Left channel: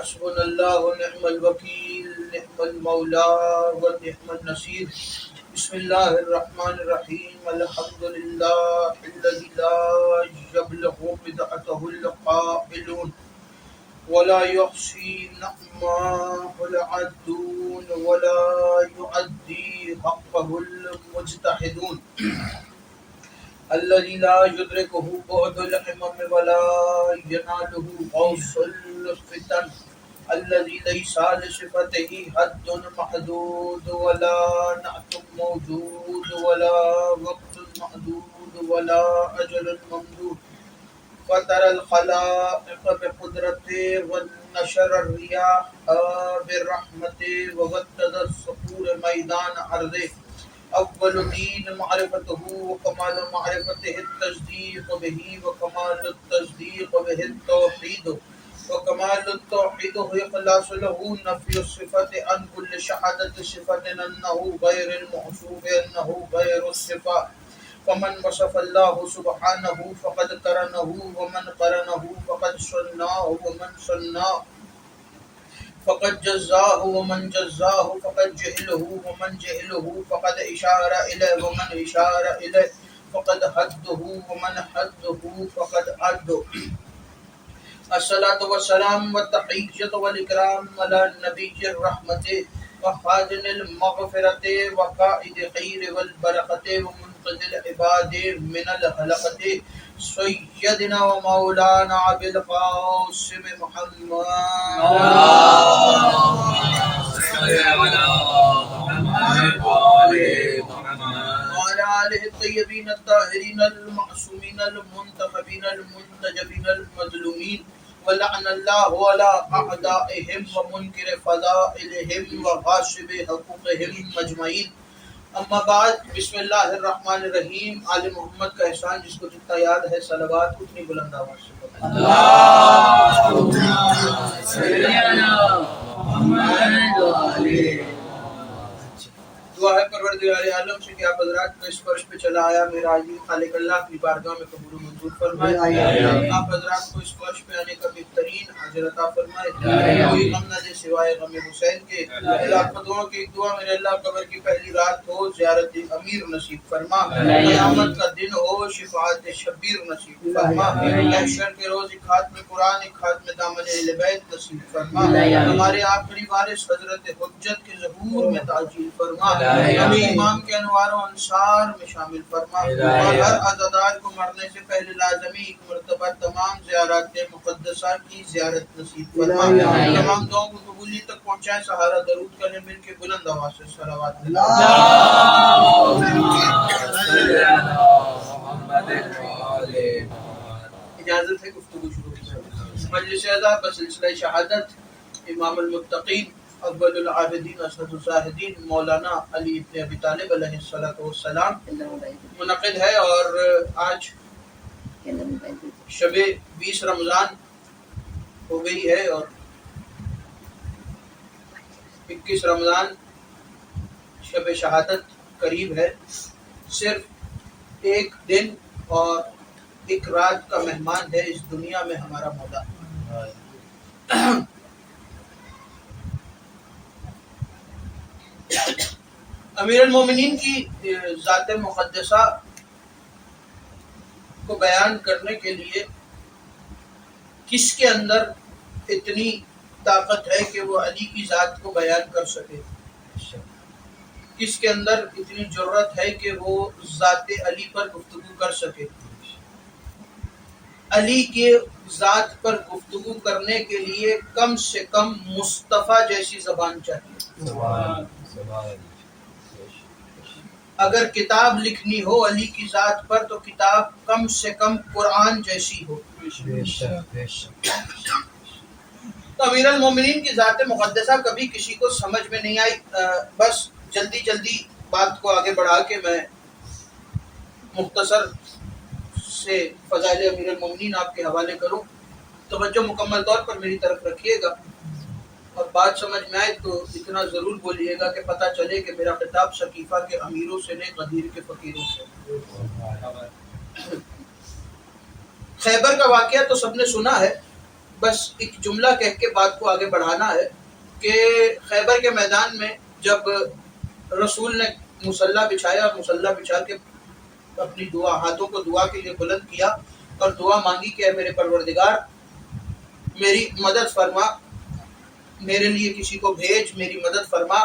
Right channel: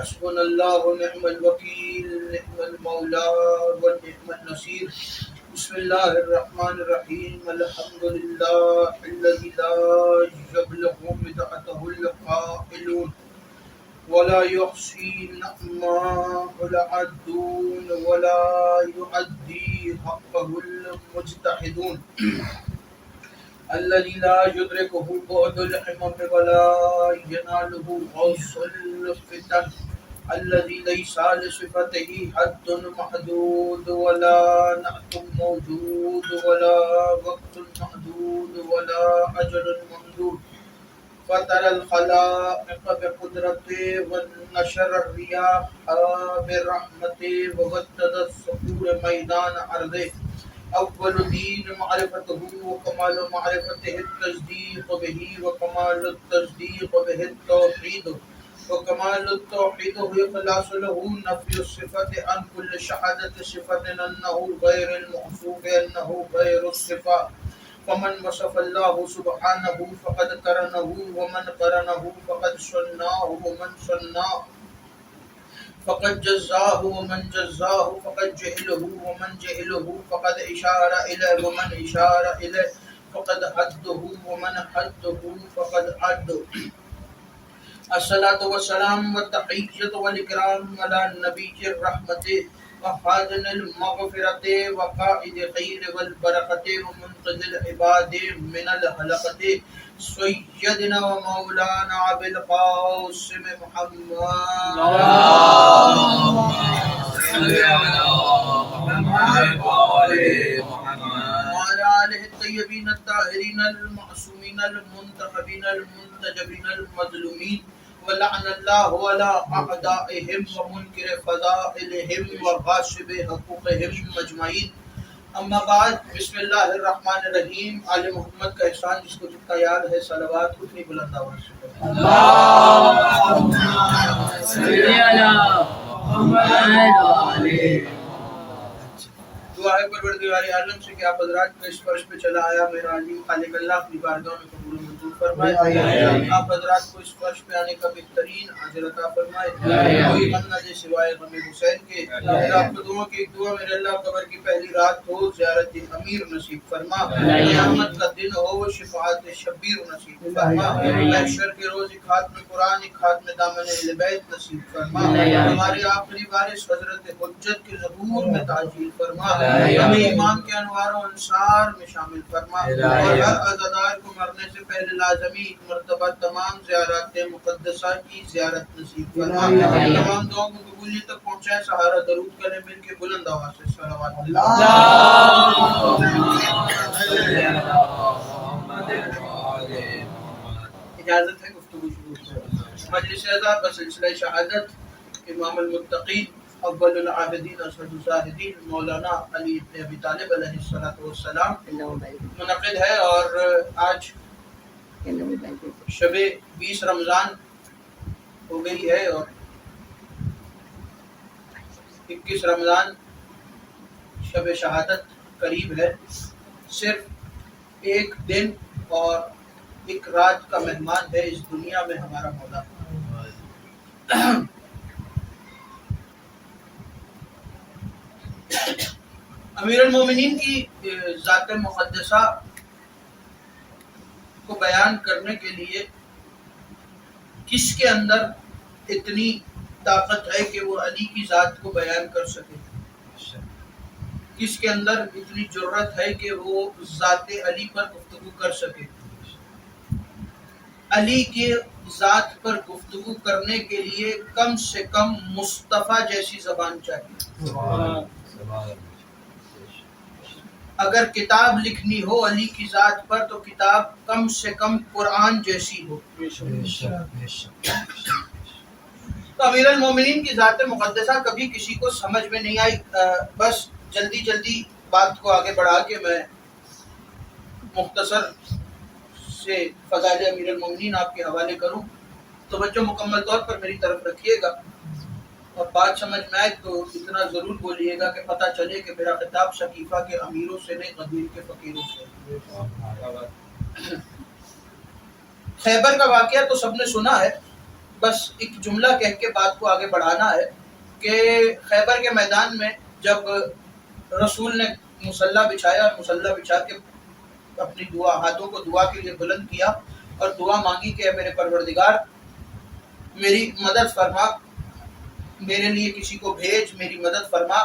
حسبنا اللہ ونعم الوکیل نعم المولا ونعم النصیر. بسم اللہ الرحمن الرحیم. الحمد للہ الذی لا یبلغ مدحته القائلون ولا يحصي نعمه العدون ولا يؤدي حقه المجتهدون الذي لا يدركه بعد الحمم ولا يناله غوص الفتن الذي ليس لصفته حد محدود ولا نعت موجود ولا وقت محدود ولا أجل ممدود فطر الخلائق بقدرته ونشر الرياح برحمته ووتد الصخور ميدان أرضه. اول دین معرفته وکمال معرفته التصدیق به وکمال التصدیق به التوحید وکمال التوحید اخلاص له نفی الصفة عن كل شهادة صفة انه غیر الموصوف انه غیر الصفة. فمن وصف الله سبحانه فقد قرنه ومن قرنه فقد صنعه ومن صنعه فقد جزاه ومن جزاه فقد جهله ومن جهله فقد إشار إليه ومن إشار إليه فقد حده ومن حده فقد عده. الصلاة والسلام والتحية والإكرام على النبي الرحمة وخازن المغفرة وقائد خير والبركة ومنقذ العباد من الهلكة سيدنا ومولانا أبي القاسم محمد اللهم صل على محمد وعلى آله الطيبين الطاهرين المعصومين المنتخبين المنتجبين المظلومين ولعن الله على أعدائهم ومنكر فضائلهم وغاصب حقوقهم مجمعين. اما بعد. بسم اللہ الرحمن الرحیم. آل محمد کا احسان جس کو جتنا یاد ہے صلوات اتنی بلند آواز سے اللہم صل علی محمد وعلى. دعا ہے پروردگار عالم سے کہ آپ حضرات کو اس فرش پہ چلا آیا میرا عظیم خالق اللہ اپنی بارگاہ میں قبول و منظور فرمائے. آپ حضرات کو اس فرش پہ آنے کا بہترین اجر عطا فرمائے. کوئی غم نہ دے سوائے غم حسین کے. اللہ خداؤں کی ایک دعا میرے اللہ قبر کی پہلی رات ہو زیارت امیر نصیب فرما. قیامت کا دن ہو شفاعت شبیر نصیب فرما. محشر کے روز ایک خاتم قرآن ایک خاتم دامن اہل بیت نصیب فرما. ہمارے آخری وارث حضرت حجت کے ظہور میں تعجیل فرما. ہمیں امام کے انوار و انصار میں شامل فرما اور ہر عزادار کو مرنے سے پہلے لازمی ایک مرتبہ تمام زیارات مقدسہ کی زیارت نصیب فرما. تمام دعاؤں کو قبولیت تک پہنچائیں. سہارا درود کریں مل کے بلند آواز سے صلوات اجازت ہے گفتگو شروع کریں. مجلس اعزاز بسلسلہ شہادت امام المتقین اول العابدین اسد الزاہدین مولانا علی ابن ابی طالب علیہ السلام منعقد ہے اور آج شب 20 رمضان ہو گئی ہے اور 21 رمضان شب شہادت قریب ہے. صرف ایک دن اور ایک رات کا مہمان ہے اس دنیا میں ہمارا مولا. امیر المومنین کی ذات مقدسہ کو بیان کرنے کے لیے کس کے اندر اتنی طاقت ہے کہ وہ علی کی ذات کو بیان کر سکے؟ کس کے اندر اتنی جرت ہے کہ وہ ذات علی پر گفتگو کر سکے؟ علی کے ذات پر گفتگو کرنے کے لیے کم سے کم مصطفیٰ جیسی زبان چاہیے. اگر کتاب لکھنی ہو علی کی ذات پر تو کتاب کم سے کم قرآن جیسی ہو. تو امیر المومنین کی ذات مقدسہ کبھی کسی کو سمجھ میں نہیں آئی. بس جلدی بات کو آگے بڑھا کے میں مختصر سے فضائل امیر المومنین آپ کے حوالے کروں. توجہ مکمل طور پر میری طرف رکھیے گا اور بات سمجھ میں آئے تو اتنا ضرور بولیے گا کہ پتہ چلے کہ میرا خطاب شکیفہ کے امیروں سے نہیں غدیر کے فقیروں سے. خیبر کا واقعہ تو سب نے سنا ہے. بس ایک جملہ کہہ کے بات کو آگے بڑھانا ہے کہ خیبر کے میدان میں جب رسول نے مصلی بچھایا اور مصلی بچھا کے اپنی دعا ہاتھوں کو دعا کے لیے بلند کیا اور دعا مانگی کہ اے میرے پروردگار میری مدد فرما، میرے لیے کسی کو بھیج، میری مدد فرما،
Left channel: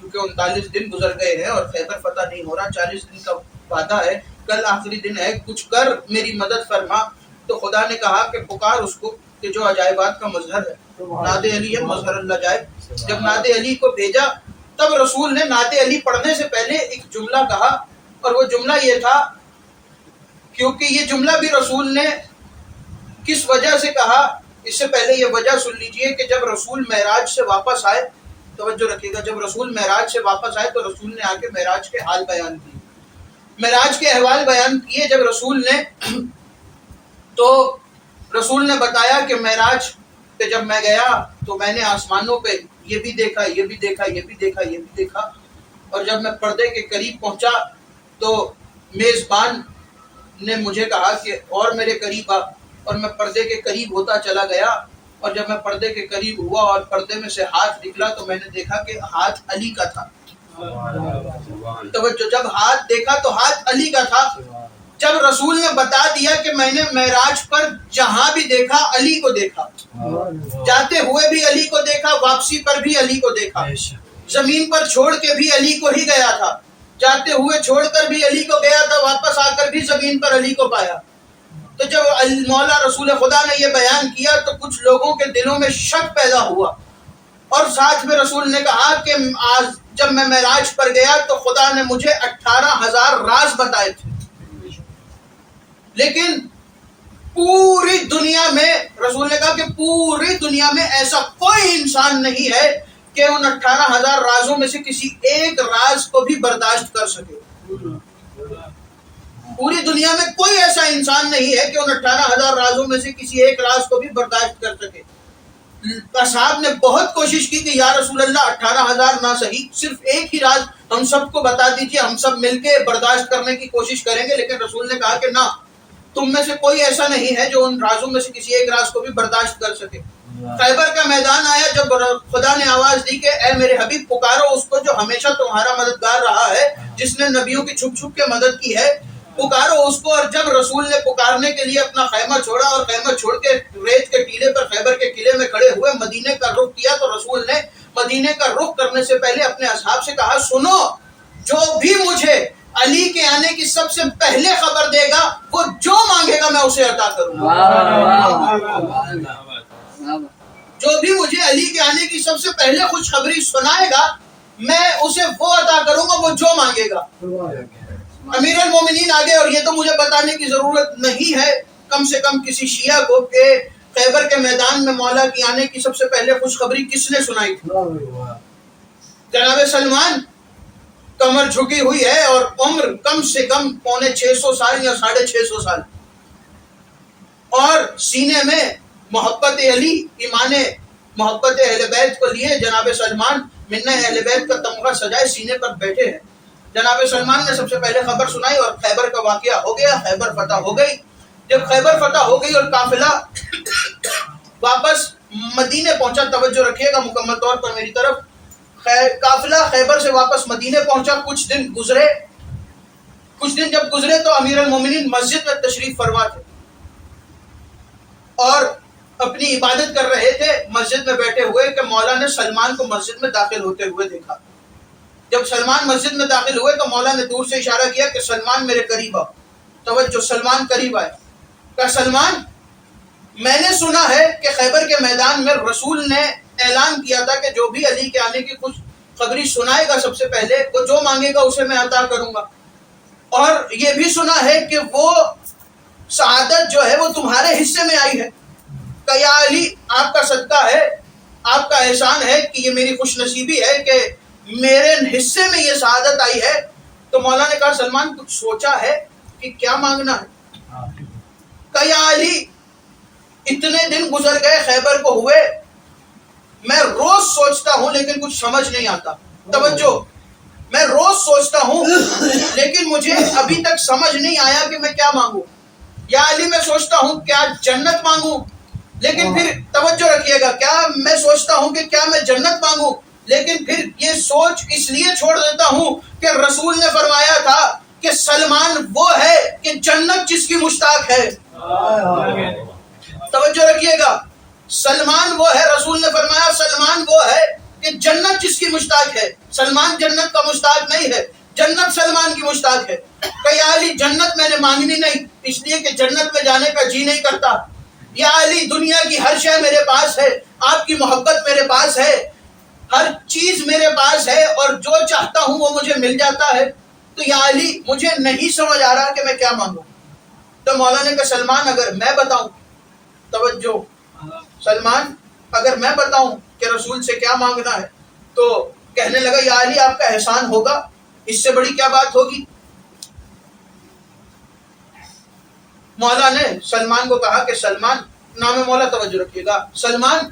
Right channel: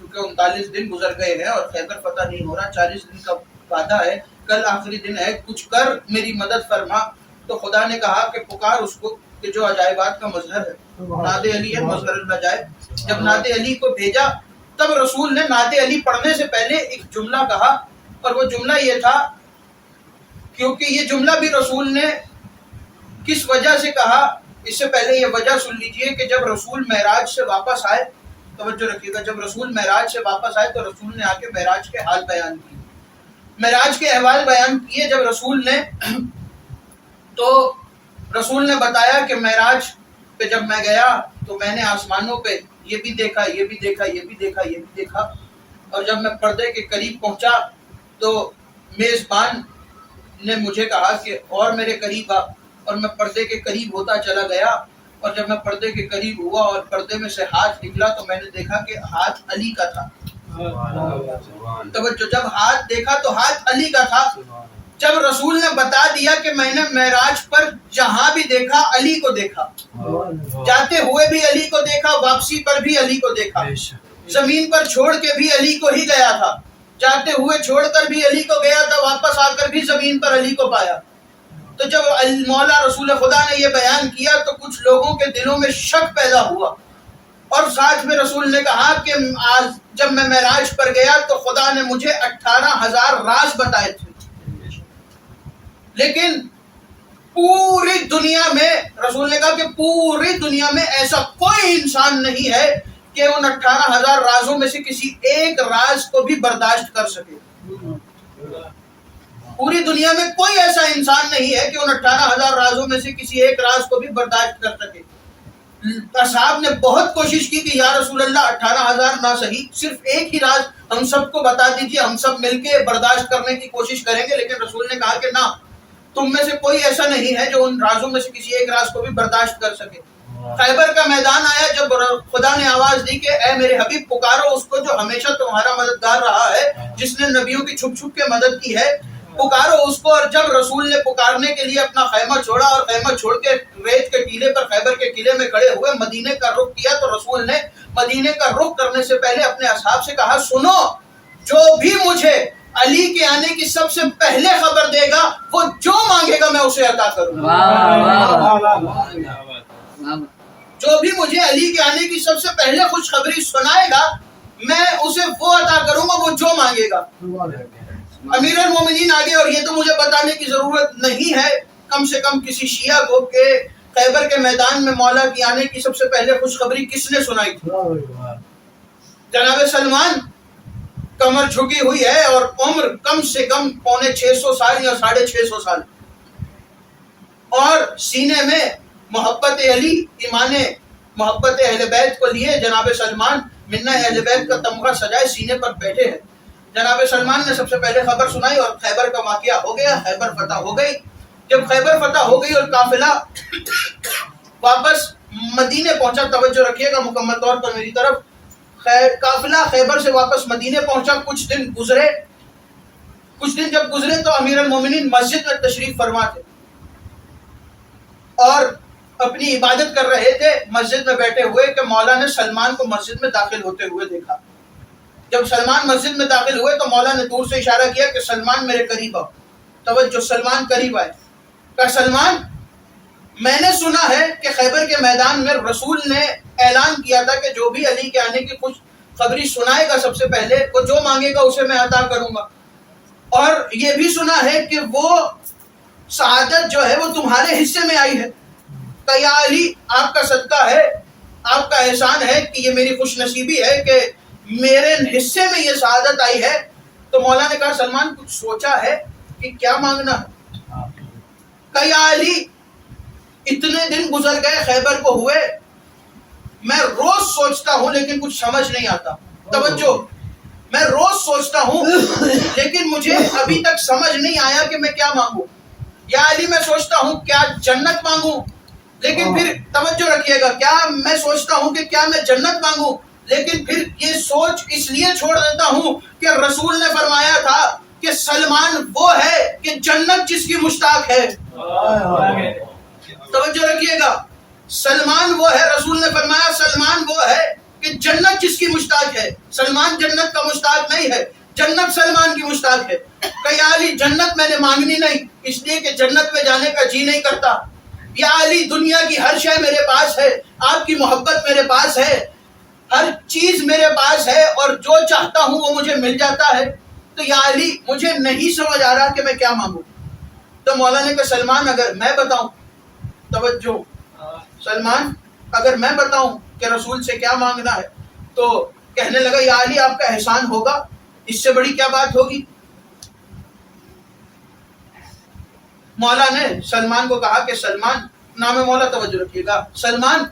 کیونکہ 39 دن گزر گئے ہیں اور خیبر فتح نہیں ہو رہا، 40 دن کا وعدہ ہے، کل آخری دن ہے، کچھ کر میری مدد فرما۔ تو خدا نے کہا کہ پکار اس کو کہ جو عجائبات کا مظہر ہے، ناد علی ہے مظہر العجائب۔ جب ناد علی کو بھیجا تب رسول نے ناد علی پڑھنے سے پہلے ایک جملہ کہا، اور وہ جملہ یہ تھا، کیونکہ یہ جملہ بھی رسول نے کس وجہ سے کہا، اس سے پہلے یہ وجہ سن لیجئے کہ جب رسول معراج سے واپس آئے، توجہ رکھیے گا، جب رسول معراج سے واپس آئے تو رسول نے آ کے معراج کے حال بیان کیے، معراج کے احوال بیان کیے جب رسول نے، تو رسول نے بتایا کہ معراج پہ جب میں گیا تو میں نے آسمانوں پہ یہ بھی دیکھا، یہ بھی دیکھا، یہ بھی دیکھا، یہ بھی دیکھا، اور جب میں پردے کے قریب پہنچا تو میزبان نے مجھے کہا کہ اور میرے قریب آ، اور میں پردے کے قریب ہوتا چلا گیا، اور جب میں پردے کے قریب ہوا اور پردے میں سے ہاتھ نکلا تو میں نے دیکھا کہ ہاتھ علی کا تھا۔ توجہ، جب ہاتھ دیکھا تو ہاتھ علی کا تھا۔ جب رسول نے بتا دیا کہ میں نے معراج پر جہاں بھی دیکھا علی کو دیکھا، جاتے ہوئے بھی علی کو دیکھا، واپسی پر بھی علی کو دیکھا، زمین پر چھوڑ کے بھی علی کو ہی گیا تھا، جاتے ہوئے چھوڑ کر بھی علی کو گیا تھا، واپس آ کر بھی زمین پر علی کو پایا۔ تو جب مولا رسول خدا نے یہ بیان کیا تو کچھ لوگوں کے دلوں میں شک پیدا ہوا، اور ساتھ میں رسول نے کہا کہ آج جب میں معراج پر گیا تو خدا نے مجھے 18,000 راز بتائے تھے، لیکن پوری دنیا میں، رسول نے کہا کہ پوری دنیا میں ایسا کوئی انسان نہیں ہے کہ ان 18,000 رازوں میں سے کسی ایک راز کو بھی برداشت کر سکے۔ پوری دنیا میں کوئی ایسا انسان نہیں ہے کہ ان 18,000 رازوں میں سے کسی ایک راز کو بھی برداشت کر سکے۔ اصحاب نے بہت کوشش کی کہ یا رسول اللہ 18,000 نہ صحیح، صرف ایک ہی راز ہم سب کو بتا دیجیے، ہم سب مل کے برداشت کرنے کی کوشش کریں گے، لیکن رسول نے کہا کہ نہ، تم میں سے کوئی ایسا نہیں ہے جو ان رازوں میں سے کسی ایک راز کو بھی برداشت کر سکے۔ خیبر کا میدان آیا جب خدا نے آواز دی کہ اے میرے حبیب پکارو اس کو جو ہمیشہ تمہارا مددگار رہا ہے، جس نے نبیوں کی چھپ چھپ کے مدد کی ہے، پکارو اس کو۔ اور جب رسول نے پکارنے کے لیے اپنا خیمہ چھوڑا اور خیمہ چھوڑ کے ریت کے ٹیلے پر خیبر کے قلعے میں کھڑے ہوئے مدینے کا رخ کیا، تو رسول نے مدینے کا رخ کرنے سے پہلے اپنے اصحاب سے کہا، سنو، جو بھی مجھے علی کے آنے کی سب سے پہلے خبر دے گا وہ جو مانگے گا میں اسے عطا کروں گا۔ جو بھی مجھے علی کے آنے کی سب سے پہلے خوشخبری سنائے گا میں اسے وہ عطا کروں گا وہ جو مانگے گا۔ امیر المومنین آگے، اور یہ تو مجھے بتانے کی ضرورت نہیں ہے کم سے کم کسی شیعہ کو کہ خیبر کے میدان میں مولا کی آنے کی سب سے پہلے خوشخبری کس نے سنائی تھی۔ جناب سلمان، کمر جھکی ہوئی ہے اور عمر کم سے کم 650 سال یا 650 سال، اور سینے میں محبت علی، ایمان محبت اہل بیت کو لیے جناب سلمان منہ اہل بیت کا تمغہ سجائے سینے پر بیٹھے ہیں۔ جناب سلمان نے سب سے پہلے خبر سنائی اور خیبر کا واقعہ ہو گیا، خیبر فتح ہو گئی۔ جب خیبر فتح ہو گئی اور قافلہ واپس مدینے پہنچا، توجہ رکھیے گا مکمل طور پر میری طرف، قافلہ خیبر سے واپس مدینے پہنچا، کچھ دن جب گزرے تو امیر المومنین مسجد میں تشریف فرما تھے اور اپنی عبادت کر رہے تھے مسجد میں بیٹھے ہوئے کہ مولا نے سلمان کو مسجد میں داخل ہوتے ہوئے دیکھا۔ جب سلمان مسجد میں داخل ہوئے تو مولا نے دور سے اشارہ کیا کہ سلمان میرے قریب آؤ۔ توجہ، سلمان قریب آئے، کہا سلمان، میں نے سنا ہے کہ خیبر کے میدان میں رسول نے اعلان کیا تھا کہ جو بھی علی کے آنے کی خوشخبری سنائے گا سب سے پہلے وہ جو مانگے گا اسے میں عطا کروں گا، اور یہ بھی سنا ہے کہ وہ سعادت جو ہے وہ تمہارے حصے میں آئی ہے۔ کہ یا علی، آپ کا صدقہ ہے، آپ کا احسان ہے کہ یہ میری خوش نصیبی ہے کہ میرے حصے میں یہ سعادت آئی ہے۔ تو مولا نے کہا سلمان کچھ سوچا ہے کہ کیا مانگنا ہے؟ کہ یا علی، اتنے دن گزر گئے خیبر کو ہوئے، میں روز سوچتا ہوں لیکن کچھ سمجھ نہیں آتا۔ توجہ، میں روز سوچتا ہوں لیکن مجھے ابھی تک سمجھ نہیں آیا کہ میں کیا مانگوں۔ یا علی، میں سوچتا ہوں کیا جنت مانگوں لیکن پھر توجہ رکھیے گا، کیا میں سوچتا ہوں کہ کیا میں جنت مانگوں، لیکن پھر یہ سوچ اس لیے چھوڑ دیتا ہوں کہ رسول نے فرمایا تھا کہ سلمان وہ ہے کہ جنت جس کی مشتاق ہے۔ توجہ رکھیے گا، سلمان وہ ہے، رسول نے فرمایا سلمان وہ ہے کہ جنت جس کی مشتاق ہے۔ سلمان جنت کا مشتاق نہیں ہے، جنت سلمان کی مشتاق ہے۔ کہ یا علی جنت میں نے مانگنی نہیں اس لیے کہ جنت میں جانے کا جی نہیں کرتا، یا علی دنیا کی ہر شے میرے پاس ہے، آپ کی محبت میرے پاس ہے، ہر چیز میرے پاس ہے اور جو چاہتا ہوں وہ مجھے مل جاتا ہے، تو یا علی مجھے نہیں سمجھ آ رہا کہ میں کیا مانگوں۔ تو مولا نے کہا سلمان اگر میں بتاؤں، توجہ، سلمان اگر میں بتاؤں کہ رسول سے کیا مانگنا ہے، تو کہنے لگا یا علی آپ کا احسان ہوگا، اس سے بڑی کیا بات ہوگی۔ مولا نے سلمان کو کہا کہ سلمان، نام مولا توجہ رکھیے گا، سلمان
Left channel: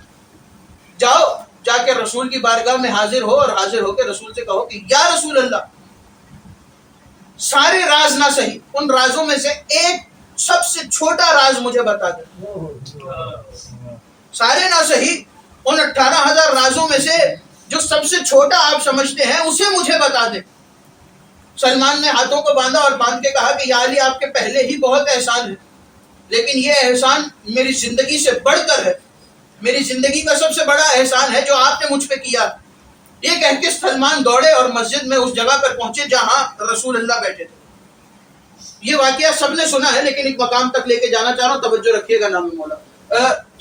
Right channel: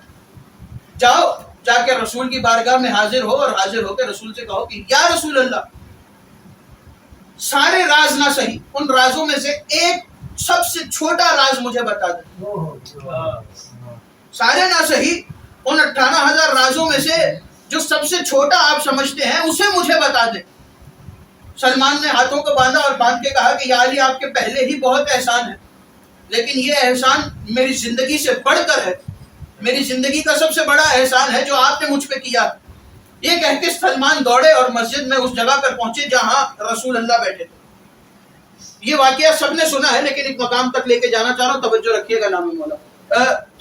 جاؤ جا کے رسول کی بارگاہ میں حاضر ہو اور حاضر ہو کے رسول سے کہو کہ یا رسول اللہ سارے راز نہ صحیح، ان رازوں میں سے ایک سب سے چھوٹا راز مجھے بتا دیں، سارے نہ صحیح ان 18,000 رازوں میں سے جو سب سے چھوٹا آپ سمجھتے ہیں اسے مجھے بتا دیں۔ سلمان نے ہاتھوں کو باندھا اور باندھ کے کہا کہ یا علی آپ کے پہلے ہی بہت احسان ہے، لیکن یہ احسان میری زندگی سے بڑھ کر ہے، میری زندگی کا سب سے بڑا احسان ہے جو آپ نے مجھ پہ کیا۔ یہ کہہ کے سلمان دوڑے اور مسجد میں اس جگہ پر پہنچے جہاں رسول اللہ بیٹھے تھے۔ یہ واقعہ سب نے سنا ہے لیکن ایک مقام تک لے کے جانا چاہ رہا ہوں، توجہ رکھیے گا نام مولا۔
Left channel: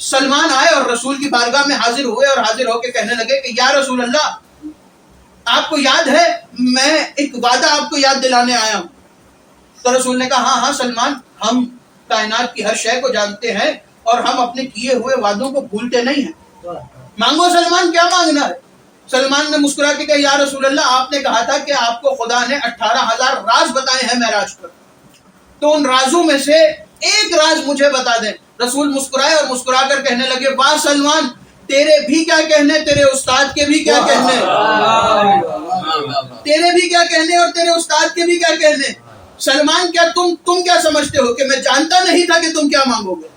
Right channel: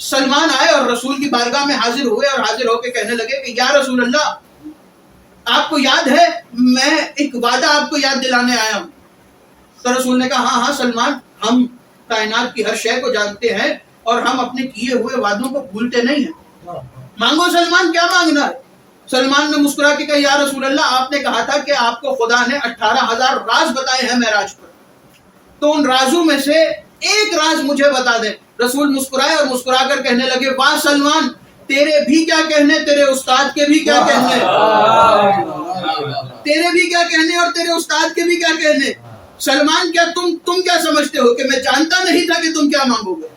سلمان آئے اور رسول کی بارگاہ میں حاضر ہوئے اور حاضر ہو کے کہنے لگے کہ یا رسول اللہ آپ کو یاد ہے میں ایک وعدہ آپ کو یاد دلانے آیا ہوں۔ تو رسول نے کہا ہاں سلمان، ہم کائنات کی ہر شے کو جانتے ہیں اور ہم اپنے کیے ہوئے وعدوں کو بھولتے نہیں ہیں، مانگو سلمان کیا مانگنا ہے۔ سلمان نے مسکرا کے کہا یا رسول اللہ آپ نے کہا تھا کہ آپ کو خدا نے 18,000 راز بتائے ہیں معراج پر، تو ان رازوں میں سے ایک راز مجھے بتا دیں۔ رسول مسکرائے اور مسکرا کر کہنے لگے واہ سلمان تیرے بھی کیا کہنے، تیرے استاد کے بھی کیا کہنے، تیرے بھی کیا کہنے اور تیرے استاد کے بھی کیا کہنے۔ سلمان کیا تم کیا سمجھتے ہو کہ میں جانتا نہیں تھا کہ تم کیا مانگو گے؟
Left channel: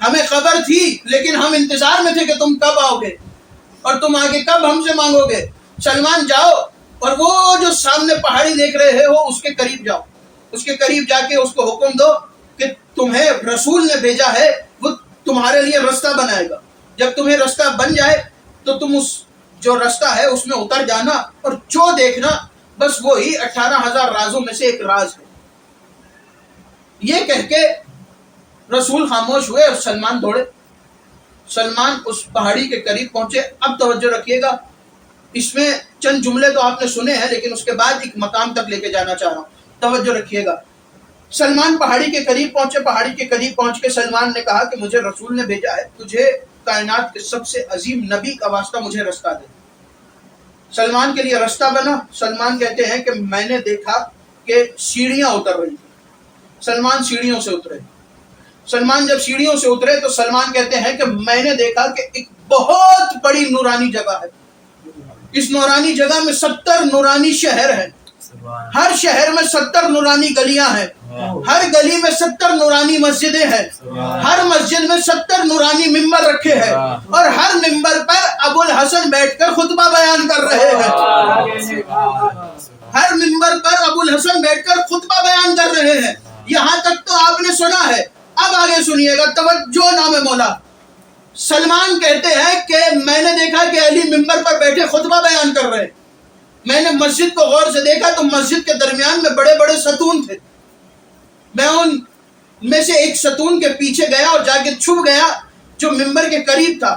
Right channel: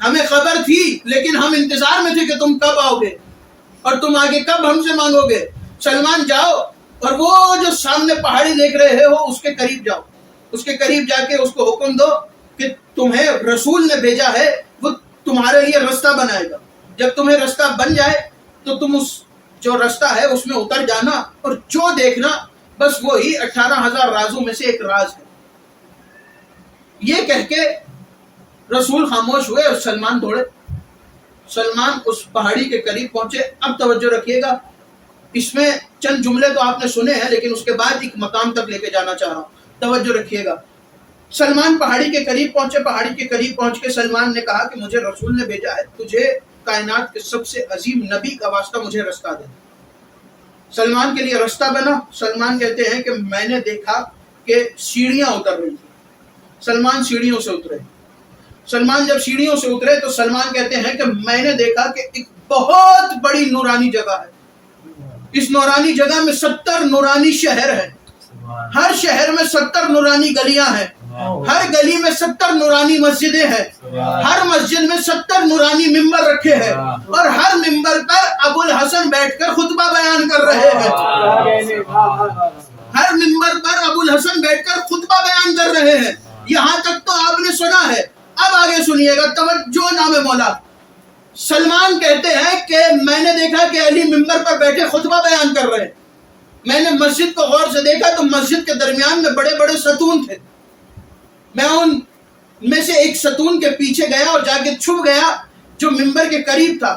ہمیں خبر تھی لیکن ہم انتظار میں تھے کہ تم کب آؤ گے اور تم آگے کب ہم سے مانگو گے۔ سلمان جاؤ اور وہ جو سامنے پہاڑی دیکھ رہے ہو اس کے قریب جاؤ، اس کے قریب جا کے اس کو حکم دو کہ تمہیں رسول نے بھیجا ہے، وہ تمہارے لیے رستہ بنائے گا، جب تمہیں رستہ بن جائے تو تم اس جو رستہ ہے اس میں اتر جانا اور جو دیکھنا بس وہی 18,000 رازوں میں سے ایک راز ہے۔ یہ کہہ کے رسول خاموش ہوئے اور سلمان دوڑے۔ سلمان اس پہاڑی کے قریب پہنچے۔ اب توجہ رکھیے گا، اس میں چند جملے تو آپ نے سنے ہیں لیکن اس کے بعد ایک مقام تک لے کے جانا چاہ رہا ہوں، توجہ رکھیے گا۔ سلمان پہاڑی کے قریب پہنچے، پہاڑی کے قریب پہنچ کے سلمان نے کہا کہ مجھے رسول نے بھیجا ہے، تجھے کائنات کے سب سے عظیم نبی کا واسطہ مجھے رستہ دے۔ سلمان کے لیے رستہ بنا۔ سلمان کہتے ہیں کہ میں نے دیکھا کہ سیڑھیاں اتر رہی تھیں، سلمان سیڑھیوں سے اترے۔ سلمان جب سیڑھیوں سے اترے تو سلمان کہتے ہیں کہ میں نے دیکھا کہ ایک بہت بڑی نورانی جگہ ہے، اس نورانی جگہ میں 70 نورانی شہر ہیں، ہر شہر میں 70 نورانی گلیاں ہیں، ہر گلی میں 70 نورانی مسجدیں ہیں، ہر مسجد میں 70 نورانی ممبر رکھے ہیں اور ہر ممبر پر ابو الحسن بیٹھ کر خطبہ بیان کر رہے ہیں، ہر ممبر پر ابو الحسن بیٹھ کر خطبہ بیان کر رہے ہیں۔ یہاں تک تو آپ نے سنا ہے، اب آگے سنیے گا، توجہ نام مولا۔ سلمان کہتے ہیں کہ میں نے دیکھا کہ علی ممبر پر بیٹھے خطبہ بیان کر رہے ہیں، میں نے مسجد کو غور سے دیکھا تو مسجد کے درمیان میں بڑے بڑے ستون تھے، میں ان میں سے ایک ستون کے پیچھے گیا اور جا کے چھپ گیا جو ممبر کے قریب تھا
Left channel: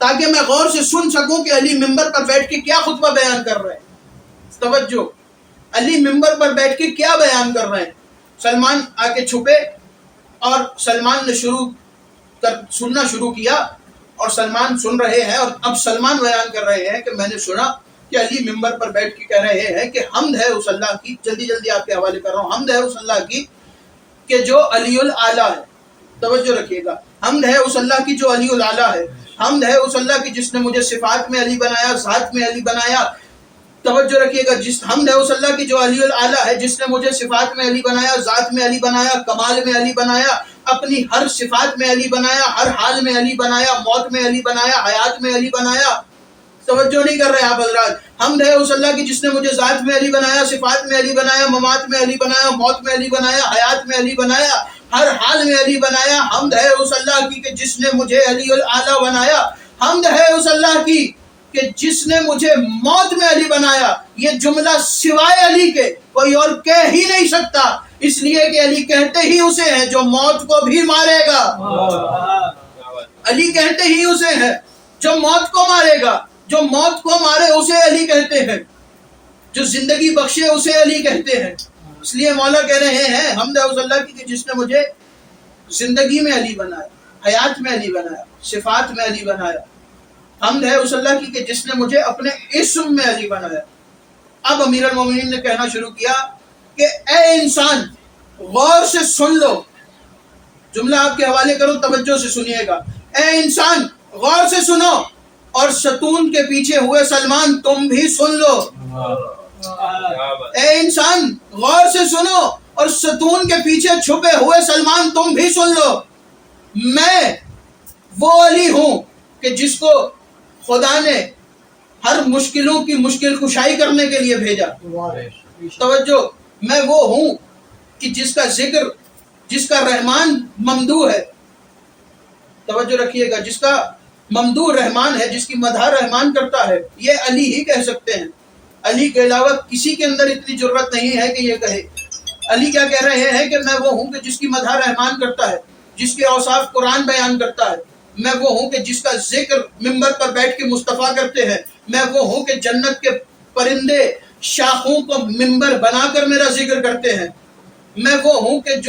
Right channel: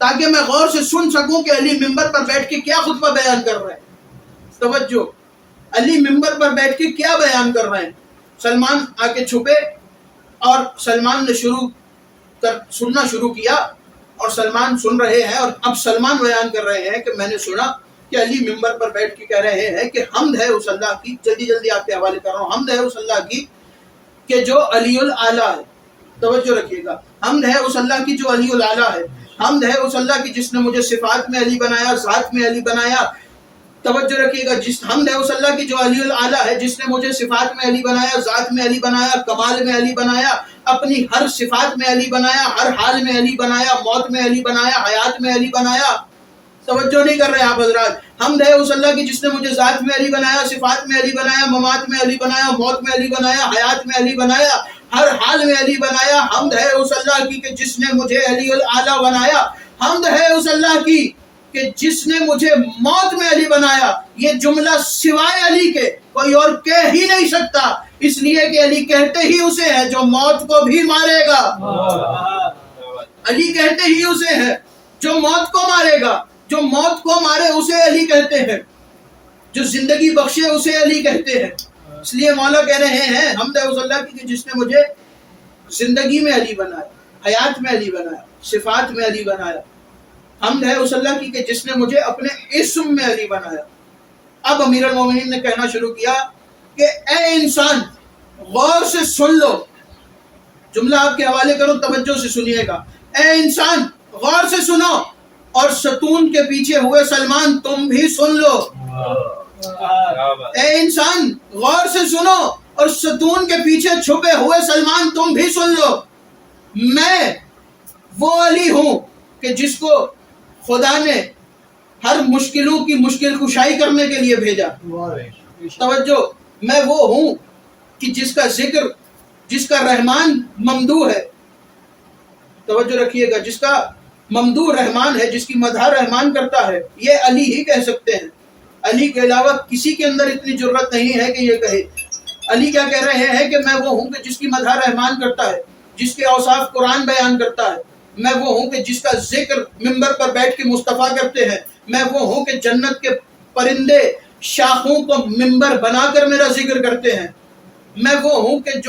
تاکہ میں غور سے سن سکوں کہ علی ممبر پر بیٹھ کے کیا خطبہ بیان کر رہے ہیں۔ توجہ، علی ممبر پر بیٹھ کے کیا بیان کر رہے ہیں۔ سلمان آ کے چھپے اور سلمان نے سننا شروع کیا اور سلمان سن رہے ہیں اور اب سلمان بیان کر رہے ہیں کہ میں نے سنا کہ علی ممبر پر بیٹھ کے کہہ رہے ہیں کہ حمد ہے اس اللہ کی، جلدی جلدی آپ کے حوالے کر رہا ہوں، حمد ہے اس اللہ کی کہ جو علی الاعلیٰ ہے۔ توجہ رکھیے گا، حمد ہے اس اللہ کی جو علی الاعلیٰ ہے، حمد ہے اس اللہ کی جس نے مجھے صفات میں علی بنایا، ذات میں علی بنایا، توجہ رکھیے گا، جس حمد ہے اس اللہ کی جو علی الاعلیٰ ہے، جس نے مجھے صفات میں علی بنایا، ذات میں علی بنایا، کمال میں علی بنایا، اپنی ہر صفات میں علی بنایا، ہر حال میں علی بنایا، موت میں علی بنایا، حیات میں علی بنایا. توجہ نہیں کر رہے آپ حضرات. حمد ہے اس اللہ کی جس نے مجھے ذات میں علی بنایا، صفات میں علی بنایا، ممات میں علی بنایا، موت میں علی بنایا، حیات میں علی بنایا، ہر حال میں علی بنایا. حمد ہے اس اللہ کی کہ جس نے مجھے علی الاعلیٰ بنایا. حمد ہے اس اللہ کی کہ جس نے مجھے موت میں علی بنایا. یہ جملہ سوائے علی کے کوئی اور کہہ ہی نہیں سکتا، اس لیے کہ علی کہتے ہی اسے ہے جو موت کو بھی مارے گا. علی کہتے ہی اسے ہے جو موت کو مارے گا. جو موت کو مارے اسے علی کہتے ہیں، جو زندگی بخشے اسے علی کہتے ہیں. اس لیے مولا کہہ رہے ہیں حمد ہے اس اللہ کی کہ جس نے مجھے زندگی میں علی بنایا، حیات میں علی بنایا، صفات میں علی بنایا. حمد ہے اس اللہ کی کہ جس نے مجھے اپنے اسم میں علی بنایا. اب امیر المومنین نے کہنا شروع کیا کہ اے انسان غور سے سن لو. جملہ آپ کے حوالے کرو، توجہ سے سنیے گا. اے انسان غور سے سنو، اور ستون کے پیچھے ہوئے سلمان تم بھی سن لو. اے انسان غور سے سنو، اور ستون کے پیچھے چھپے ہوئے سلمان تم بھی سن لو. میں وہ علی ہوں کہ جس کو خدا نے ہر مشکلوں کی مشکل کشائی کرنے کے لیے بھیجا. توجہ، میں وہ ہوں کہ جس کا ذکر، جس کا رحمان ممدوح ہے. توجہ رکھیے گا، جس کا ممدوح رحمان ہے، جس کی مدح رحمان کرتا ہے، یہ علی ہی کہہ سکتے ہیں. علی کے علاوہ کسی کے اندر اتنی جرت نہیں ہے کہ یہ کہے. علی کیا کہہ رہے ہیں کہ میں وہ ہوں کہ جس کی مدح رحمان کرتا ہے، جس کے اوصاف قرآن بیان کرتا ہے. میں وہ ہوں کہ جس کا ذکر منبر پر بیٹھ کے مصطفیٰ کرتے ہیں. میں وہ ہوں کہ جنت کے پرندے شاخوں کو منبر بنا کر میرا ذکر کرتے ہیں. میں وہ ہوں کہ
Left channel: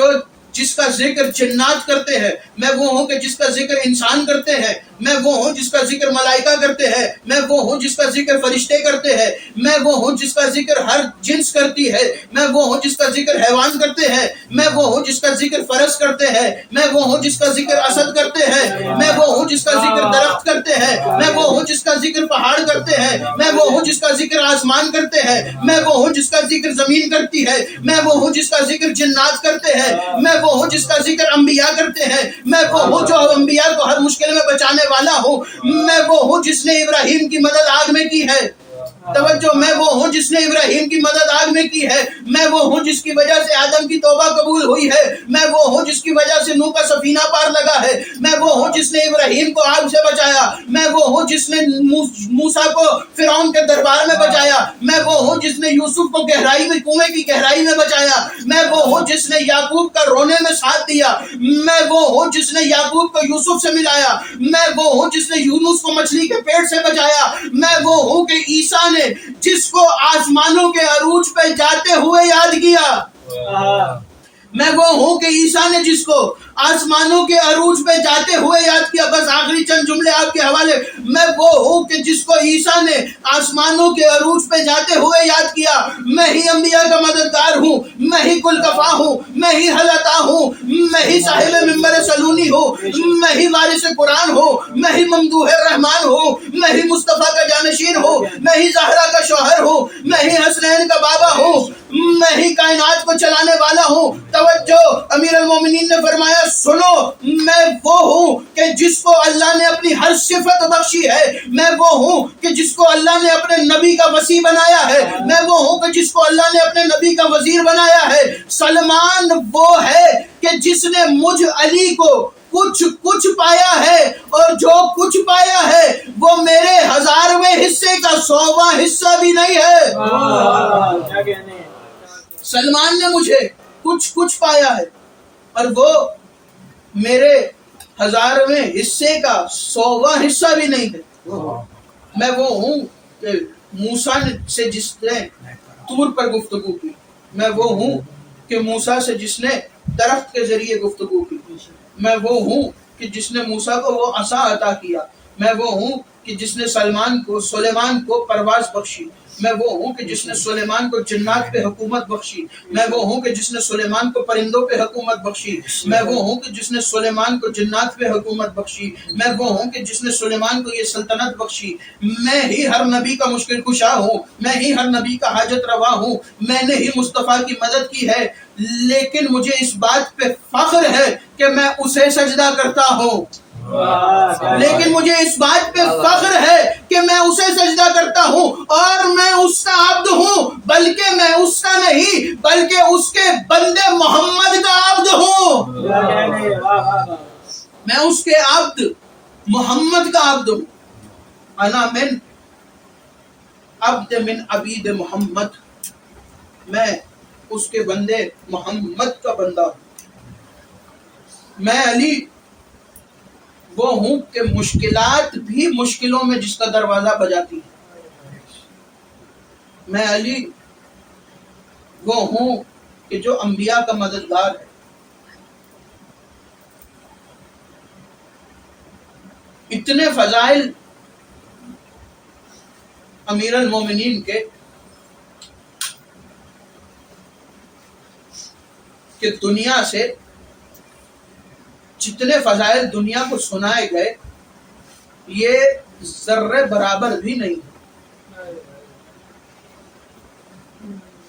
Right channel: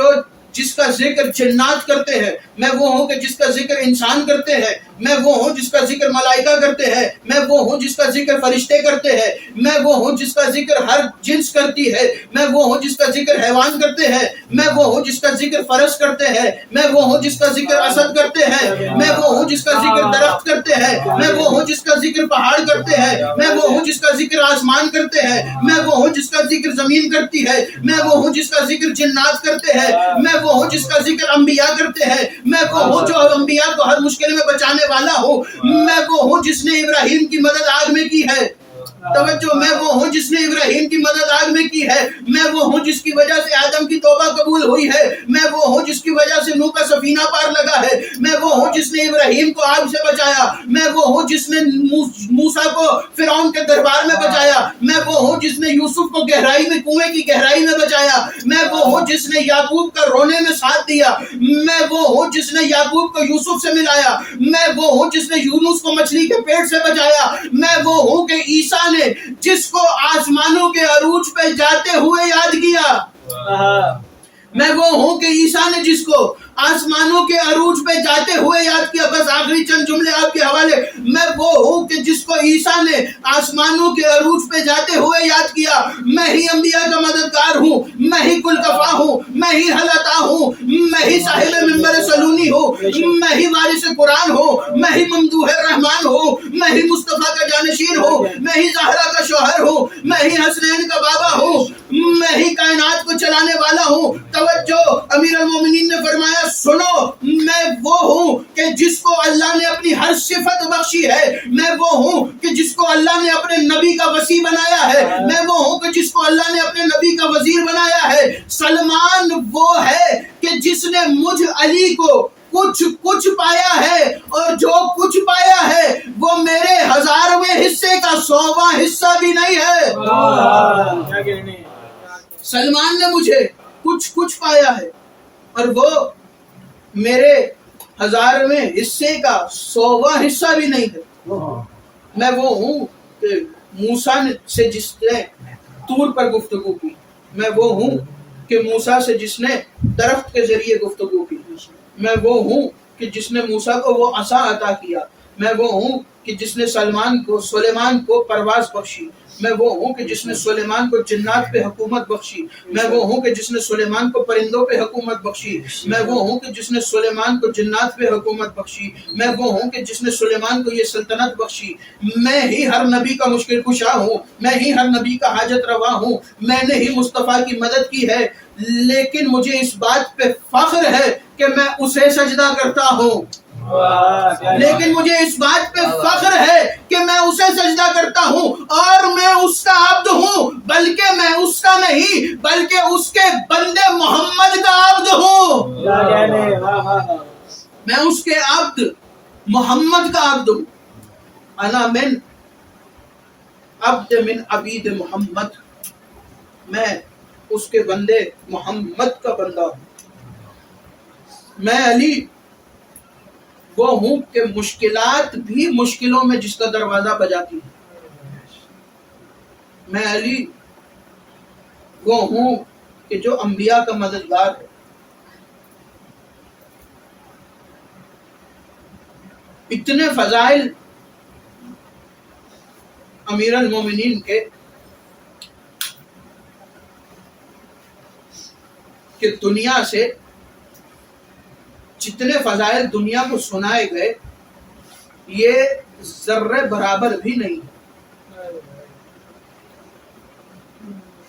جس کا ذکر جنات کرتے ہیں. میں وہ ہوں کہ جس کا ذکر انسان کرتے ہیں. میں وہ ہوں جس کا ذکر ملائکہ کرتے ہیں. میں وہ ہوں جس کا ذکر فرشتے کرتے ہیں. میں وہ ہوں جس کا ذکر ہر جنس کرتی ہے. میں وہ ہوں جس کا ذکر حیوان کرتے ہیں. میں وہ ہوں جس کا ذکر فرس کرتے ہیں. میں وہ ہوں جس کا ذکر اسد کرتے ہیں. میں وہ ہوں جس کا ذکر درخت کرتے ہیں. میں وہ ہوں جس کا ذکر پہاڑ کرتے ہیں. میں وہ ہوں جس کا ذکر آسمان کرتے ہیں. میں وہ ہوں جس کا ذکر زمین کرتی ہے. میں وہ ہوں جس کا ذکر جنات کرتے ہیں. میں وہ ہوں جس کا ذکر انبیاء کرتے ہیں. میں وہ ہوں جو انبیاء کو ہر مشکل میں بچانے والا ہوں. میں وہ ہوں جس نے ابراہیم کی مدد آگ میں کی ہے. توجہ، میں وہ ہوں جس نے ابراہیم کی مدد آگ میں کی ہے. میں وہ ہوں جس کی وجہ سے آدم کی توبہ قبول ہوئی ہے. میں وہ ہوں جس کی وجہ سے نوح کا سفینہ پار لگا ہے. میں وہ ہوں جس نے ابراہیم کو آگ سے بچایا. میں وہ ہوں جس نے موسیٰ کو فرعون کے دربار میں بچایا. میں وہ ہوں جس نے یوسف کو گہرائی میں، کنویں کی گہرائی میں بچایا. میں وہ ہوں جس نے یعقوب کا رونے میں ساتھ دیا. میں وہ ہوں جس نے یعقوب کو یوسف سے ملایا. میں وہ ہوں جس نے یونس کو مچھلی کے پیٹ سے بچایا. میں وہ ہوں کہ عیسیٰ نے جس کو آسمانوں کے عروج پہ جاتے ہوئے یاد کیا. میں وہ ہوں کہ عیسیٰ نے جس کو آسمانوں کے عروج پہ جاتے ہوئے یاد کیا. بس آخری چند جملے آپ کے حوالے. میں وہ ہوں کہ جس کو عیسیٰ نے آسمانوں کے عروج پہ جاتے ہوئے یاد کیا. میں ہی انبیاء کا مددگار ہوں. میں ہی کل کفا ہوں. میں ہی حلتا ہوں. میں ہی صاحب منبر سلونی ہوں. میں ہی وارث قرآن ہوں. میں ہی ممدوح رحمان ہوں. میں ہی مصطفیٰ کا جانشین ہوں. میں ہی زہرا کا شوہر ہوں. میں ہی حسنین کا بابا ہوں. میں ہی کائنات کو چلانے والا ہوں. توجہ، امیر المومنین نے فرمایا سنو، میں وہ ہوں کہ جس کو اللہ نے اپنی ہر صفت بخشی ہے. میں وہ ہوں کہ جس کو اللہ نے اپنے نبی کا وصی بنایا ہے. میں وہ ہوں کہ جس کو اللہ نے اپنے نبی کا وزیر بنایا ہے. سلمان وہ ہے کہ جس نے مجھ علی کو کچھ پایا ہے، اور جو کچھ پایا ہے وہ میرے 1000ویں حصے کا 100واں حصہ بھی نہیں ہے. سلمان نے مجھے کچھ پایا ہے، اور وہ میرے 1000ویں حصے کا 100واں حصہ بھی نہیں ہے. میں وہ ہوں کہ موسیٰ سے جس نے طور پر گفتگو کی. میں وہ ہوں کہ موسیٰ سے جس نے درخت کے ذریعے گفتگو کی. میں وہ ہوں کہ جس نے موسیٰ کو وہ عصا عطا کیا. میں وہ ہوں کہ جس نے سلیمان کو پرواز بخشی، میں وہ ہوں کہ جس نے سلیمان کو جنات پہ حکومت بخشی، میں وہ ہوں کہ جس نے سلیمان کو پرندوں پہ حکومت بخشی، میں وہ ہوں کہ جس نے سلیمان کو جنات پہ حکومت بخشی، میں وہ ہوں کہ جس نے سلیمان کو یہ سلطنت بخشی، میں ہی ہر نبی کا مشکل کشا ہوں، میں ہی ہر نبی کا حاجت روا ہوں، میں نے ہی مصطفیٰ کی مدد کی ہے، لیکن مجھے اس بات پہ فخر ہے کہ میں اسے سجدہ کرتا ہوں، لیکن مجھے اس بات پہ فخر ہے کہ میں اسے سجدہ کرتا ہوں اور میں اس کا عبد ہوں، بلکہ میں اس کا نہیں بلکہ اس کے بندے محمد کا عبد ہوں، میں اس کے عبد محمد کا عبد ہوں، انا من عبد من عبید محمد، میں اس کے بندے محمد کا بندہ ہوں، میں علی وہ ہوں کہ مشکلات بھی مشکلوں میں جس کا دروازہ بجاتی ہے، میں علی وہ ہوں کہ جو انبیاء کا مددگار ہے، اتنے فضائل امیر المومنین کے کہ دنیا سے جتنے فضائل دنیا کو سنائے گئے یہ ذرے برابر بھی نہیں،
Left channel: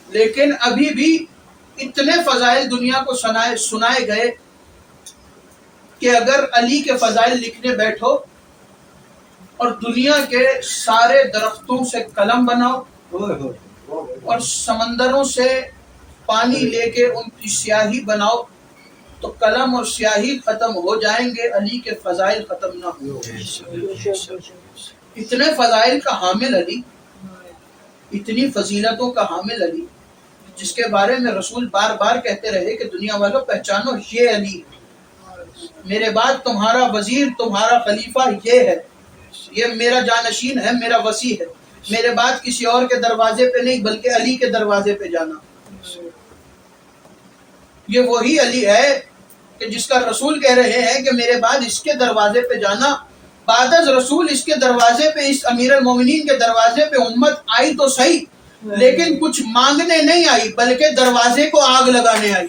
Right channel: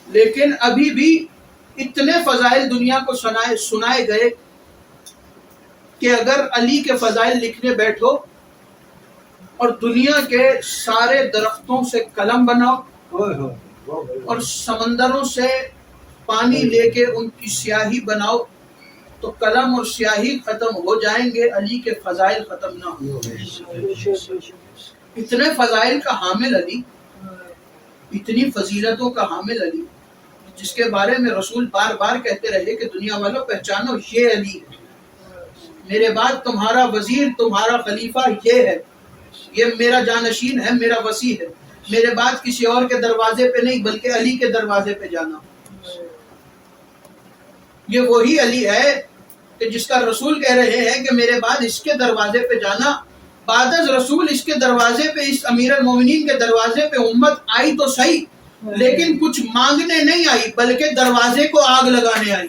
لیکن ابھی بھی اتنے فضائل دنیا کو سنائے گئے کہ اگر علی کے فضائل لکھنے بیٹھو اور دنیا کے سارے درختوں سے قلم بناؤ اور سمندروں سے پانی لے کے ان کی سیاہی بناؤ تو قلم اور سیاہی ختم ہو جائیں گے، علی کے فضائل ختم نہ ہوں گے۔ اتنے فضائل کا حامل علی، اتنی فضیلتوں کا حامل علی، جس کے بارے میں رسول بار بار کہتے رہے کہ دنیا والوں پہچانو یہ علی ہے، میرے بعد تمہارا وزیر تمہارا خلیفہ یہ ہے، یہ میرا جانشین ہے، میرا وصی ہے، میرے بعد کسی اور کے دروازے پہ نہیں بلکہ علی کے دروازے پہ جانا۔ یہ وہی علی ہے کہ جس کا رسول کہہ رہے ہیں کہ میرے بعد اس کے دروازے پہ جانا، بعد از رسول اس کے دروازے پہ، اس امیر المومنین کے دروازے پہ امت آئی تو صحیح، لیکن کچھ مانگنے نہیں آئی بلکہ دروازے کو آگ لگانے آئی۔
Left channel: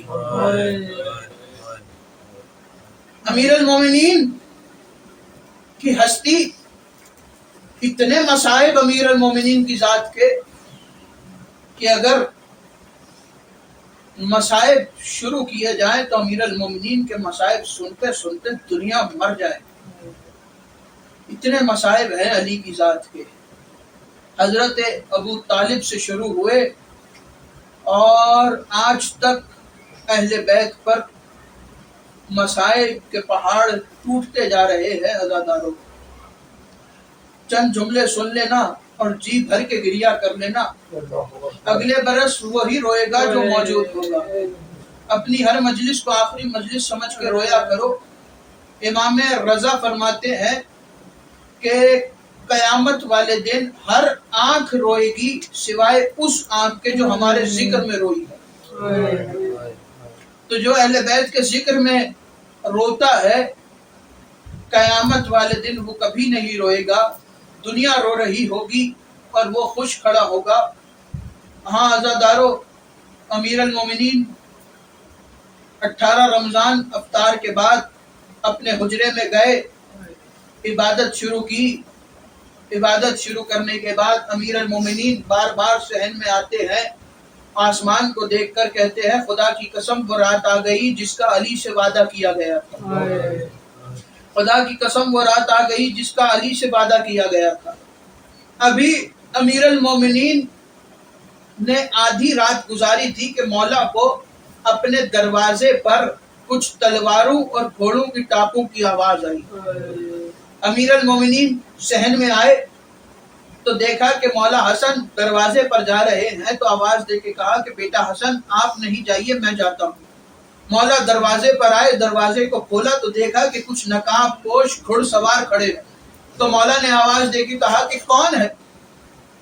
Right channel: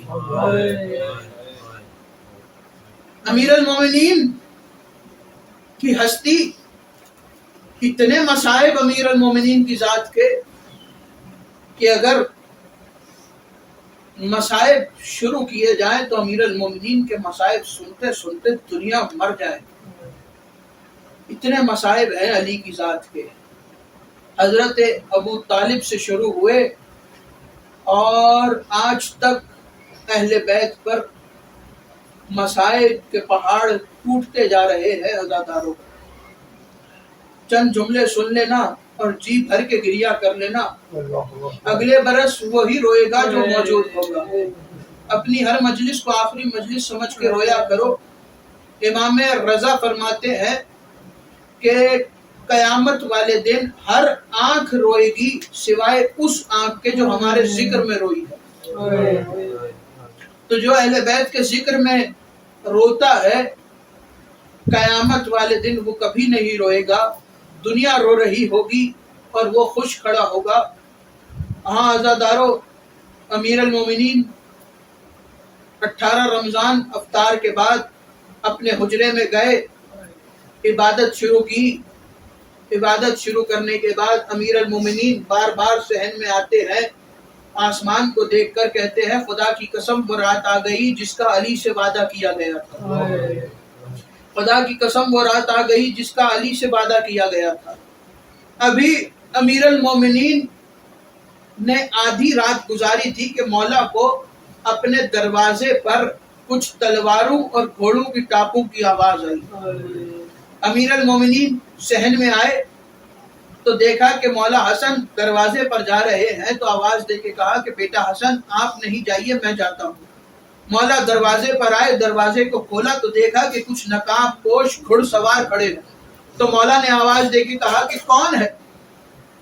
امیر المومنین کی ہستی، اتنے مصائب امیر المومنین کی ذات کے کہ اگر مصائب شروع کیے جائیں تو امیر المومنین کے مصائب سنتے سنتے دنیا مر جائے، اتنے مصائب ہیں علی کی ذات کے۔ حضرت ابو طالب سے شروع ہوئے اور آج تک اہل بیت پر مصائب کے پہاڑ ٹوٹتے جا رہے ہیں۔ عزاداروں، چند جملے سن لینا اور جی بھر کے گریہ کر لینا، اگلے برس وہی روئے گا جو موجود ہوگا۔ اپنی ہر مجلس کو آخری مجلس سمجھ کے رویا کرو۔ امام رضا فرماتے ہیں کہ قیامت والے دن ہر آنکھ روئے گی سوائے اس آنکھ کے جو ہمارے ذکر میں روئی ہے۔ تو جو اہل بیت کے ذکر میں روتا ہے قیامت والے دن وہ کبھی نہیں روئے گا، دنیا رو رہی ہوگی اور وہ خوش کھڑا ہوگا۔ ہاں عزادارو، امیر المومنین 18 رمضان افطار کے بعد اپنے حجرے میں گئے، عبادت شروع کی۔ عبادت شروع کرنے کے بعد امیر المومنین بار بار صحن میں آتے ہیں، آسمان کو دیکھ کر کہتے ہیں خدا کی قسم وہ رات آ گئی جس کا علی سے وعدہ کیا گیا تھا، خدا کی قسم وہ رات آ گئی جس کا علی سے وعدہ کیا گیا تھا۔ ابھی امیر المومنین نے آدھی رات گزاری تھی کہ مولا کو اپنے دروازے پر کچھ تلواروں اور گھوڑوں کی ٹاپوں کی آواز آئی۔ امیر المومنین صحن میں آئے تو دیکھا کہ مولا حسن دروازے پر جا رہے ہیں، تو آواز دے کے کہا کہ بیٹا حسن آپ نہیں جائیے، میں جاتا ہوں۔ مولا دروازے پر آئے، دروازے کو کھولا تو دیکھا کہ کچھ نقاب پوش گھڑ سوار کھڑے ہیں۔ تو مولا نے آواز دے کے کہا کہ کون ہے؟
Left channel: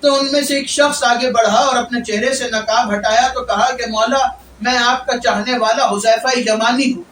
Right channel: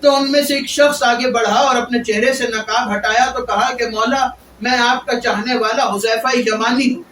تو ان میں سے ایک شخص آگے بڑھا اور اپنے چہرے سے نقاب ہٹایا تو کہا کہ مولا میں آپ کا چاہنے والا حذیفہ یمانی ہوں۔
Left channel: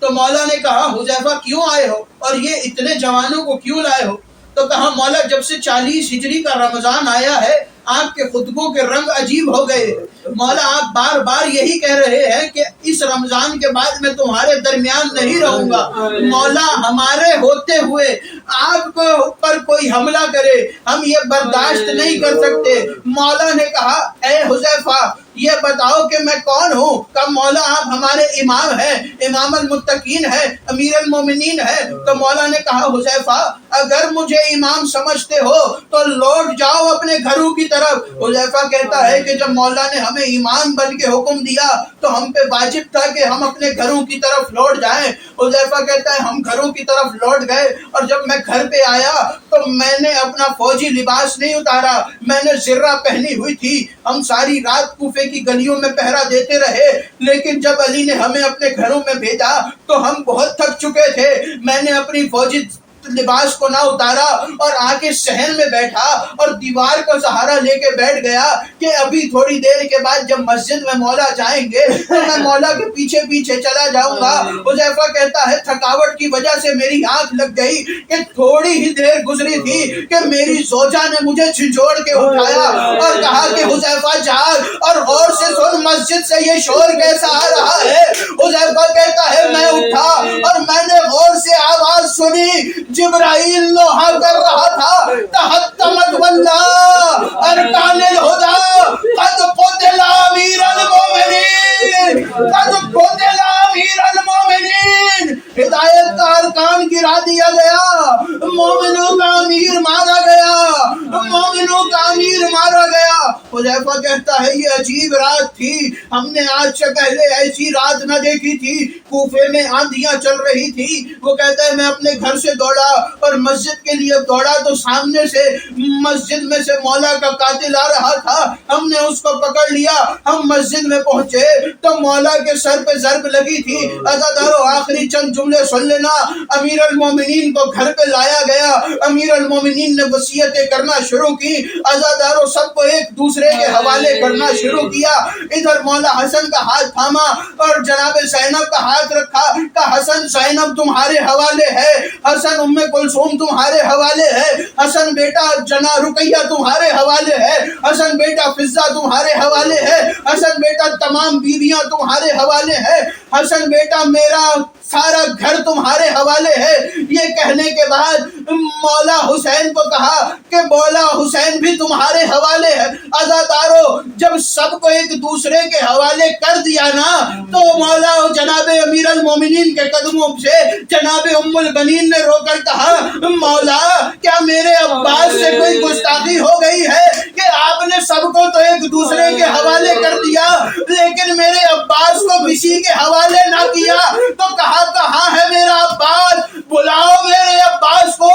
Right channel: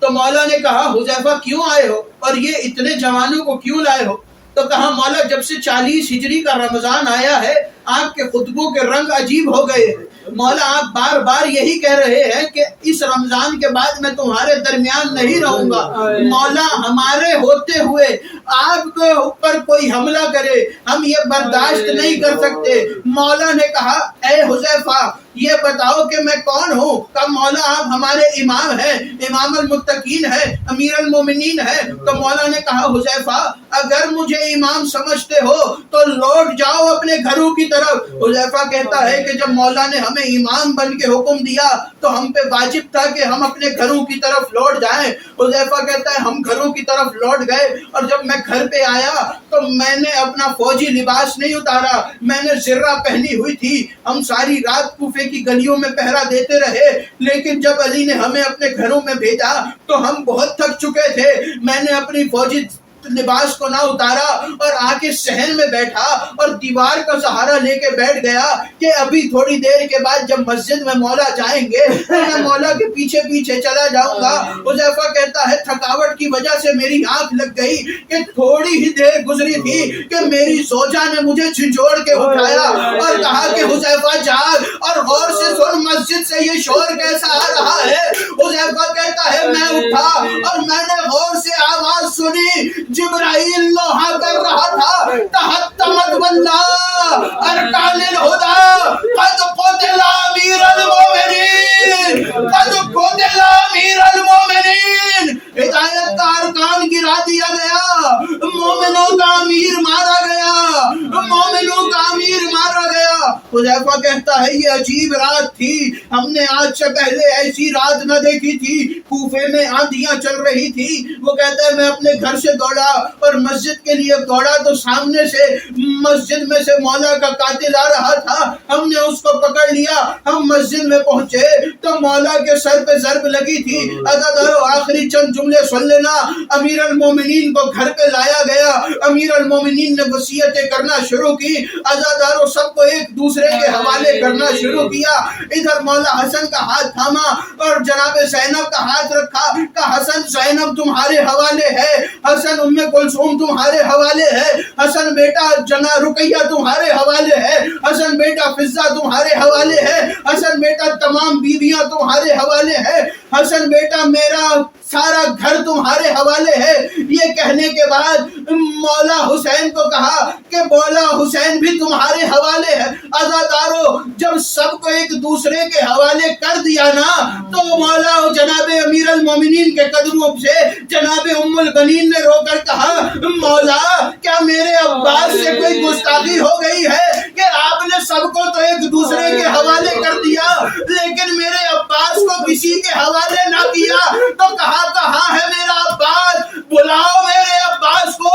تو مولا نے کہا حذیفہ کیوں آئے ہو اور یہ اتنے جوانوں کو کیوں لائے ہو؟ تو کہا مولا جب سے 40 ہجری کا رمضان آیا ہے آپ کے خطبوں کے رنگ عجیب ہو گئے ہیں۔ مولا آپ بار بار یہی کہہ رہے ہیں کہ اس رمضان کے بعد میں تمہارے درمیان نہیں رہوں گا۔ مولا ہمارے ہوتے ہوئے آپ کے اوپر کوئی حملہ کرے ہم یہ برداشت نہیں کر سکتے۔ مولا نے کہا اے حذیفہ یہ بتاؤ کہ میں کون ہوں؟ کہ مولا آپ ہمارے امام ہیں، امام المتقین ہیں، امیر المومنین ہیں۔ تو مولا نے کہا حذیفہ اگر مجھے امام سمجھتے ہو تو لوٹ جاؤ اپنے گھروں کی طرف۔ حذیفہ کہتا ہے کہ جب مولا نے ہمیں امام بن کے حکم دیا تو ہم پہ واجب تھا کہ ہم اپنے گھروں کی طرف لوٹ جائیں۔ حذیفہ کہتا ہے ہم گھروں کی طرف لوٹ گئے اور جب میں گھر پہ آیا تو میں نے اپنا فوجی لباس نہیں اتارا، میں نے زرہ پہنی ہوئی تھی۔ ہم ساری رات کوفے کی گلیوں میں پہرا دیتے رہے، لیکن جب علی نے ہمیں اپنے گھروں میں بھیجا تو ہم بہت تھک چکے تھے۔ میں نے اپنی فوجی لباس کو نہ اتارا اور آ کے صحن میں بیٹھا اور دیوار کا سہارا لے کے بیٹھ گیا کہ ابھی تھوڑی دیر کے بعد جب مسجد میں مولا جائیں گے تو میں مولا کے پیچھے پیچھے چلا جاؤں گا۔ حذیفہ کہتا ہے تھکاوٹ کی وجہ سے میری آنکھ لگ گئی کہ تھوڑی ہی دیر گزری تھی کہ میری زوجہ نے مجھے جھنجھوڑ کے اٹھایا اور کہا کہ حذیفہ جاگ اور غور سے سن مسجد سے یہ شور کیسا آ رہا ہے۔ حذیفہ کہتا ہے میں اٹھا اور میں نے غور سے آواز سنی، جبرائیل نوحہ کر رہا تھا تحتمت واللہ ارکان الہدا قد قتل امیر المومنین، قد قتل امیر المومنین۔ ہدایت کا ارکان گرا دیا گیا، مومنوں کا امیر مارا گیا، مومنوں کا امیر مارا گیا۔ حذیفہ کہتا ہے یہ عجیب رات تھی، ہم نے آج سے پہلے ایسی رات نہ دیکھی تھی۔ کوفے میں آندھیاں چل رہی تھی۔ وہ کہتا ہے میں اپنے گھر سے دوڑا اور مسجد کے لیے دوڑا تو سامنے سے مسجد میں سے مولا کا قاتل آ رہا تھا۔ ہم نے اس کو پکڑ لیا، ہم مسجد میں پہنچے تو مولا کے سر پہ ضرب لگی تھی۔ عزادارو آخری چند جملے سن لینا، امیر المومنین کو گھر پہ لایا گیا، امیر المومنین نے وصیتیں کرنا شروع کی، عزادارو سب کو ایک دوسرے کے حوالے کرنا شروع کیا۔ ادھر مولا حسن کا ہاتھ تھاما اور جناب زینب کا ہاتھ رکھا کہ حسن زینب تمہارے حوالے ہے، حسن ام کلثوم تمہارے حوالے ہے، حسن بیٹا جنا رقیہ تمہارے حوالے ہے، حسن بیٹا فضہ تمہارے حوالے ہے، حسن بیٹا تمام بیویاں تمہارے حوالے ہے، حسن بیٹا میرا سارا گھر تمہارے حوالے ہے۔ یہ کہنے کے بعد مولا حسین کو کہا کہ مولا حسین بھی تمہارے حوالے ہے۔ عزادارو جب سب کو ایک دوسرے کے حوالے کر دیا نا تو مولا جناب امیر المومنین کے قدموں سے جناب ام البنین نے رو کر کہا مولا کیا میرے عباس سے کوئی گستاخی ہو گئی ہے کہ آپ نے سب کو تو ایک دوسرے کے حوالے کر دیا لیکن میرے عباس کو کسی کے حوالے نہ کیا؟ تو کہاں ہے میرا عباس؟ بلاؤ میرے عباس کو۔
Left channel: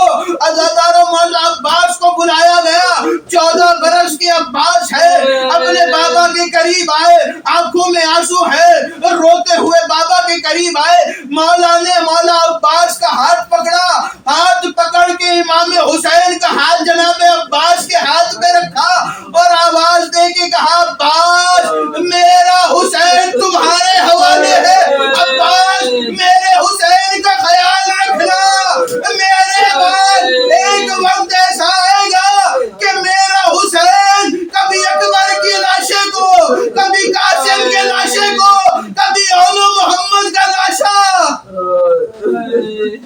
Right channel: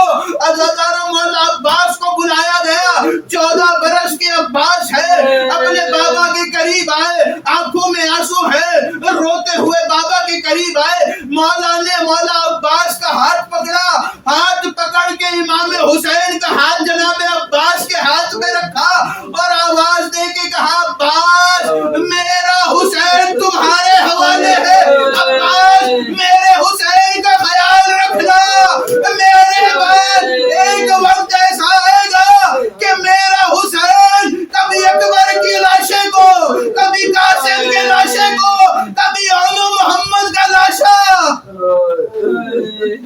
عزادارو مولا عباس کو بلایا گیا، 14 برس کے عباس ہے، اپنے بابا کے قریب آئے، آنکھوں میں آنسو ہے، روتے ہوئے بابا کے قریب آئے۔ مولا نے مولا عباس کا ہاتھ پکڑا، ہاتھ پکڑ کے امام حسین کا ہاتھ جناب عباس کے ہاتھ میں رکھا اور آواز دے کے کہا عباس میرا حسین تمہارے حوالے ہے، عباس میرے حسین کا خیال رکھنا۔ میرے بعد ایک وقت ایسا آئے گا کہ میرا حسین کبھی اکبر کی لاشے کو، کبھی قاسم کے لاشے کو، کبھی اولو محمد کا لاشا،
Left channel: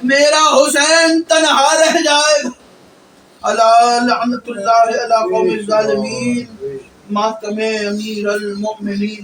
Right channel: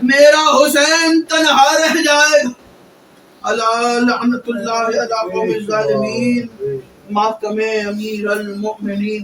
میرا حسین تنہا رہ جائے گا۔ اللہ لعنت اللہ علی قوم الظالمین، ماتم امیر المؤمنین۔